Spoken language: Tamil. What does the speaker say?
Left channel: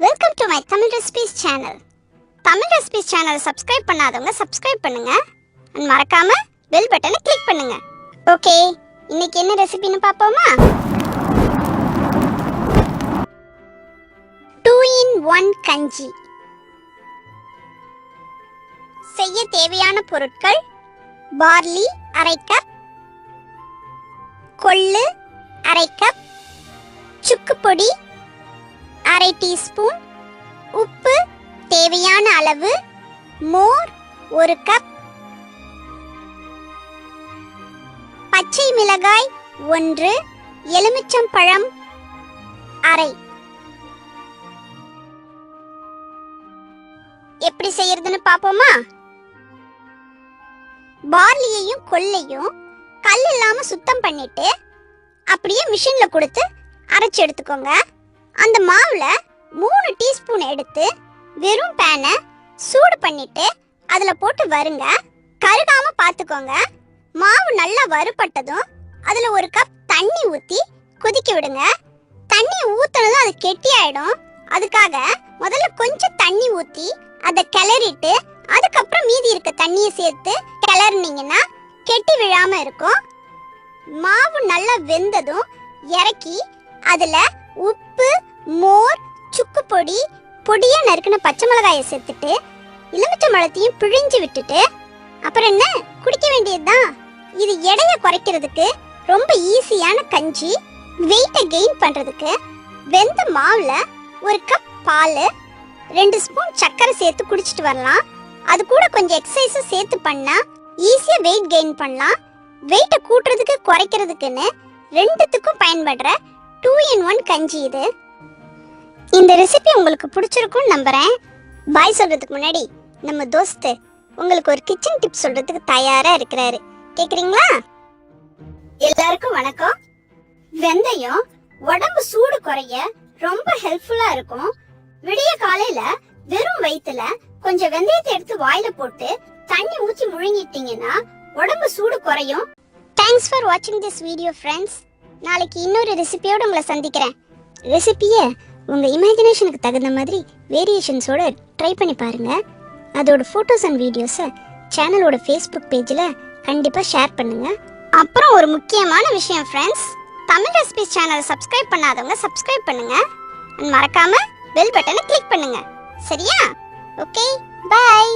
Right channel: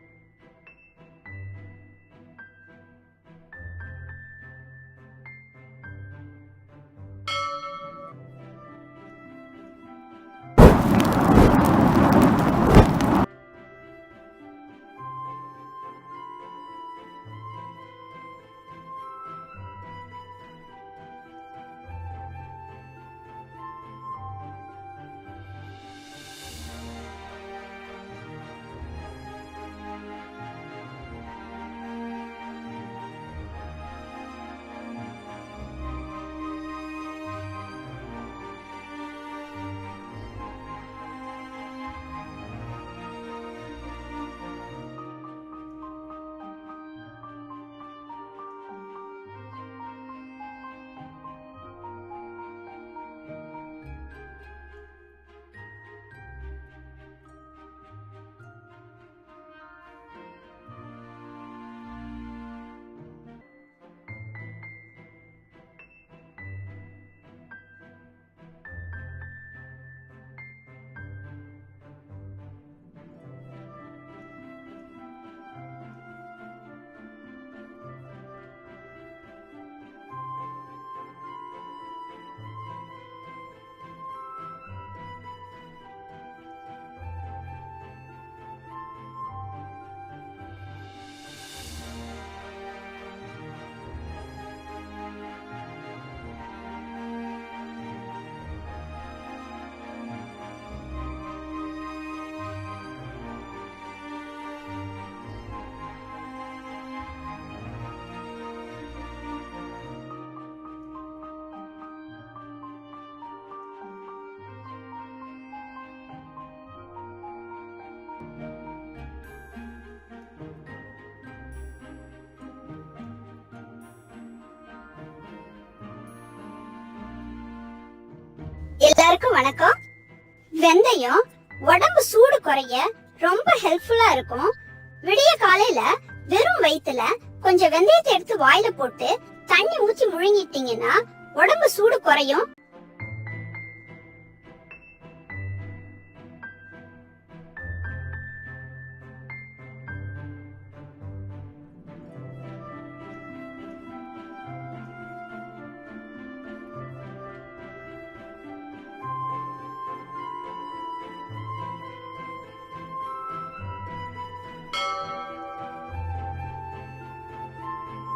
Welcome to my Tamil Recipes channel. Tamil Recipes channel subscribe பண்ணாதவங்க subscribe பண்ணுங்க and மறக்காம bell button click பண்ணுங்க. Okay, இன்னைக்கு என்ன ரெசிபின்னு பாப்போமா? 2-in-1 கஞ்சி. செய்ய தேவையான பொருட்கள்: பார்லி அரை கப், கொள்ளு அரை கப், சுக்கு பொடி அரை டீஸ்பூன், உப்பு தேவையான அளவு, மோர் 1 கப், பச்சை மிளகாய் 1, எலுமிச்சம்பழம் அரை. எப்படி செய்யறதுன்னு பாப்போமா? பார்லியையும் கொள்ளையும் கல் இல்லாம சுத்தம் பண்ணிட்டு அப்படியே மிஷின்ல கொடுத்து அரைச்சு எடுத்துக்கோங்க. அந்த மாவுல 3 டீஸ்பூன் எடுத்து வெறும் பேனை சூடு பண்ணிட்டு அதுல போட்டு வறுங்க. கருகாம பாத்துக்கோங்க. மாவு நல்லா வறுபட்டதும் அதுல 1 கப் தண்ணி ஊத்தி கொதிக்க விடுங்க. தண்ணி ஊத்துனதும் அது கெட்டி ஆயிடும். அதுக்காக முதல்ல கொஞ்சம் தண்ணி ஊத்தி அதை கிளறிட்டு அதுக்கப்புறம் மீதி இருக்க தண்ணியை சேர்த்து கிளறினீங்கன்னா கெட்டி விழாம இருக்கும். மாவு நல்லா வெந்ததும் இறக்கி அதுல உப்பு, மோர், சுக்கு பொடி, பொடியா நறுக்கின பச்சை மிளகாயை சேர்த்துட்டு எலுமிச்சம்பழத்தையும் பிழிஞ்சு விட்டுட்டு அப்புறம் என்ன குடிக்க வேண்டியதுதான். இது எடையை குறைக்கிறதுக்கு ரொம்ப ஈஸியான கஞ்சி. வெயிட்டை கெயின் பண்றதுக்கு வெந்த மாவுல 1 கப் பால், 2 ஸ்பூன் சர்க்கரை சேர்த்து குடிச்சிட்டு வரலாம். அது கூட கொஞ்சம் எக்ஸசைஸும் சேர்த்து பண்ணா ஈஸியா வெயிட் கெயின் பண்ணலாம். வெயிட்டை கூட்டுறதுக்கு குறைக்கிறதுக்குன்னு ரெண்டுத்துக்கும் பயன்படுற 2-in-1 கஞ்சி இது. இந்த ரெசிபி உங்களுக்கு பிடிச்சிருக்கும்னு நம்புறேன். பாய் சொல்றதுக்கு முன்னாடி நம்ம தோஸ்து உங்களுக்கு ஒரு கிச்சன் டிப் சொல்றதுக்கு தயாரா இருக்கிறாரு. கேக்குறீங்களா? எல்லாருக்கும் வணக்கம். வெந்தயம் உடம்பு சூடு குறைய ரொம்ப ஹெல்ப்ஃபுல்லா இருக்கும். விடிய காலையில வெறும் வயித்துல கொஞ்சம் வெந்தயத்தை எடுத்து வாயில போட்டு தண்ணி ஊத்தி முழுங்கிட்டீங்கன்னா உடம்பு சூடு குறையும். தேங்க்ஸ் ஃபார் வாட்சிங் திஸ் வீடியோ ஃப்ரெண்ட்ஸ். நாளைக்கு இன்னொரு ரெசிபியோட உங்களை சந்திக்கிறேன். ரெசிபியை உங்க இமேஜினேஷனுக்கு தகுந்த மாதிரி வேரியேஷன்ஸோட ட்ரை பண்ணி பாருங்க. அதோட ஃபோட்டோஸ் அண்ட் வீடியோஸை சேனலோட ஃபேஸ்புக் பேஜில் கண்டிப்பாக ஷேர் பண்ணுங்க. அப்புறம் ஒரு முக்கியமான விஷயம் ஃப்ரெண்ட்ஸ், தமிழ் ரெசிபிஸ் சேனலை சப்ஸ்கிரைப் பண்ணாதவங்க சப்ஸ்கிரைப் பண்ணுங்க. மறக்காம பெல் பட்டனை கிளிக் பண்ணுங்க. சரியா? Okay, by.